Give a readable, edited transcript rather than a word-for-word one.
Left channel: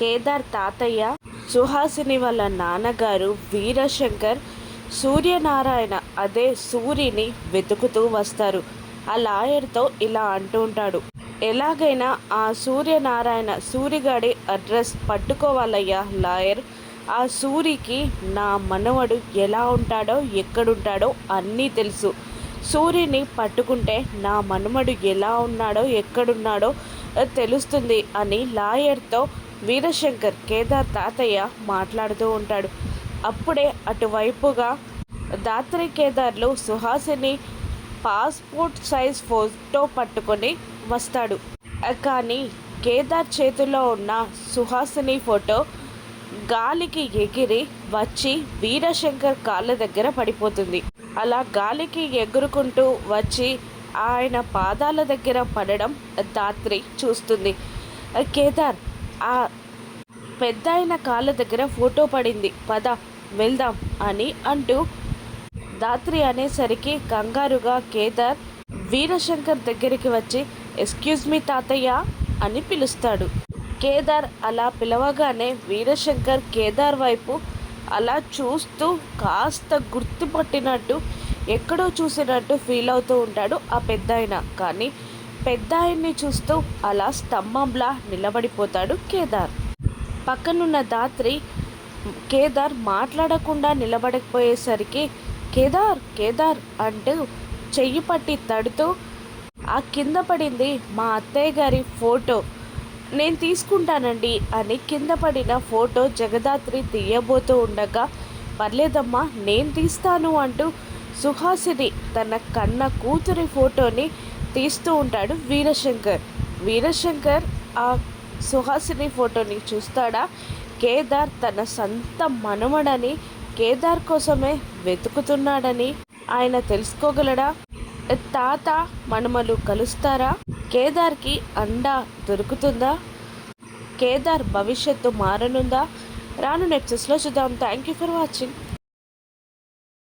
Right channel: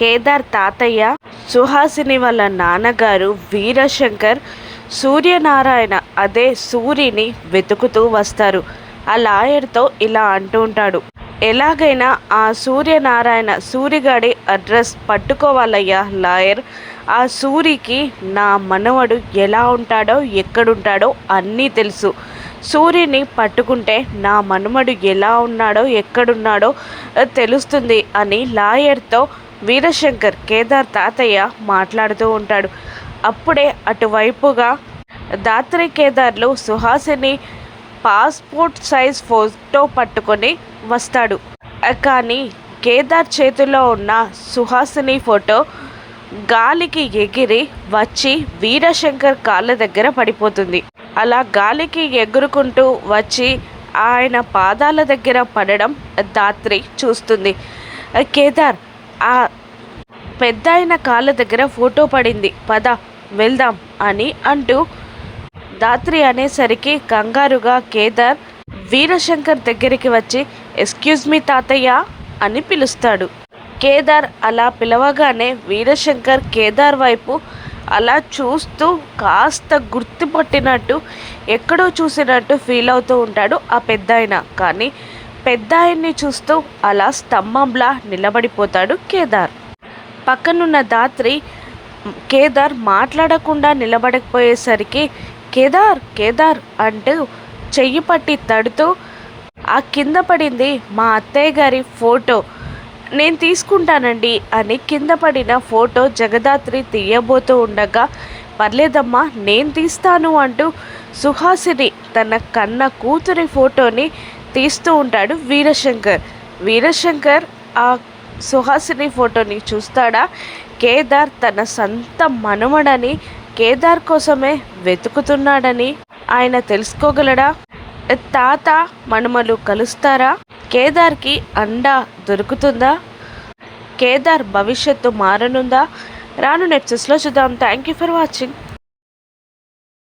కేదార్ తాతయ్య, సుహాసిని వాళ్ళ నాన్నగారు వీరశంకర్, సూర్యనారాయణ అదే సూరిని వెతుకుతూ వస్తారు. ఆ లాయర్తో ఇలా అంటూ ఉంటాడు, ఎలాగైనా ఆ సూర్యనారాయణ సూరిగాడి అడ్రస్ పట్టుకోవాలయ్యా లాయర్. ఆ సూరికి నా మనవడు ఎలా ఉంటాడో ఎక్కడుంటాడో అన్నీ తెలుసు. సూర్యుని పట్టుకుంటే నా మనమడు ఎలా ఉన్నాడో ఎక్కడున్నాడో తెలుస్తుంది అని లాయర్తో వీరశంకర్, కేదార్ తాతయ్య మాట్లాడుతూ ఉంటాడు. అప్పుడే అటువైపుగా దాత్రి కేదార్లు సుహాసిని పాస్పోర్ట్ సైజ్ ఫోటో పట్టుకొని వస్తాడు. కానీ కేదార్ చేతిలో ఉన్న సుహాసిని ఫోటో గాలికి ఎగిరి వచ్చి వీరశంకర్ కాళ్ళ దగ్గర పడిపోతుంది. అలా గాలికి ఎగురుకుంటూ వచ్చి ఆయన పాదాల దగ్గర పడడం దాత్రి చూస్తుంది. కేదార్, ఆ పెద్ద ఆయన కాళ్ళ దగ్గర ఫోటో పడింది, పద వెళ్దాం అని అంటూ దాత్రి అనేసరికి కంగారుగా కేదార్ వీరశంకర్ దగ్గరికి వచ్చి ఎక్స్క్యూజ్ మీ తాతయ్య అని పిలుస్తాడు. కేదార్ అలా పిలవగానే వీరశంకర్ కేదార్ వైపు అలా చూస్తూ కాస్త గుర్తుపట్టినట్టు, ఎక్కడో చూసినట్టు ఫీల్ అవుతూ ఉంటాడు ఆ పెద్దాయన. కానీ పెద్దాయన్ని చూస్తూ అలా స్తంభంలా నిలబడిపోతాడు కేదార్. పక్కనున్న దాత్రి కేదార్ మాట్లాడకుండా నిలబడకపోయేసరికి కేదార్ కేదార్ అంటూ చెయ్యి పట్టి తడుతూ, ఆ కింద పడింది మా అత్తయ్య గారి ఫోటో, నేను తీసుకుంటానండి అని కింద పడిన ఫోటో జగదాత్రి తీయబోతూ ఉండగా, పర్లేదమ్మా నేను తీస్తాను అంటూ సుహాసిని తన కన్న కూతురి ఫోటోని తీస్తూ ఉంటాడు వీరశంకర్. వీరశంకర్ ఆ సుహాసిని ఫోటోని చూస్తాడా, కేదార్ తన సొంత మనవడని, కేదార్ కోసమే వెతుకుతున్నాడని ఆయన తెలుసుకోగలడా? తాత మనుమలు కలుస్తారా? కేదార్కి అండ దొరుకుతుందా? కేదార్ భవిష్యత్తు మారనుందా? రాను నెప్సెస్లో చూద్దాం. Thank you for watching.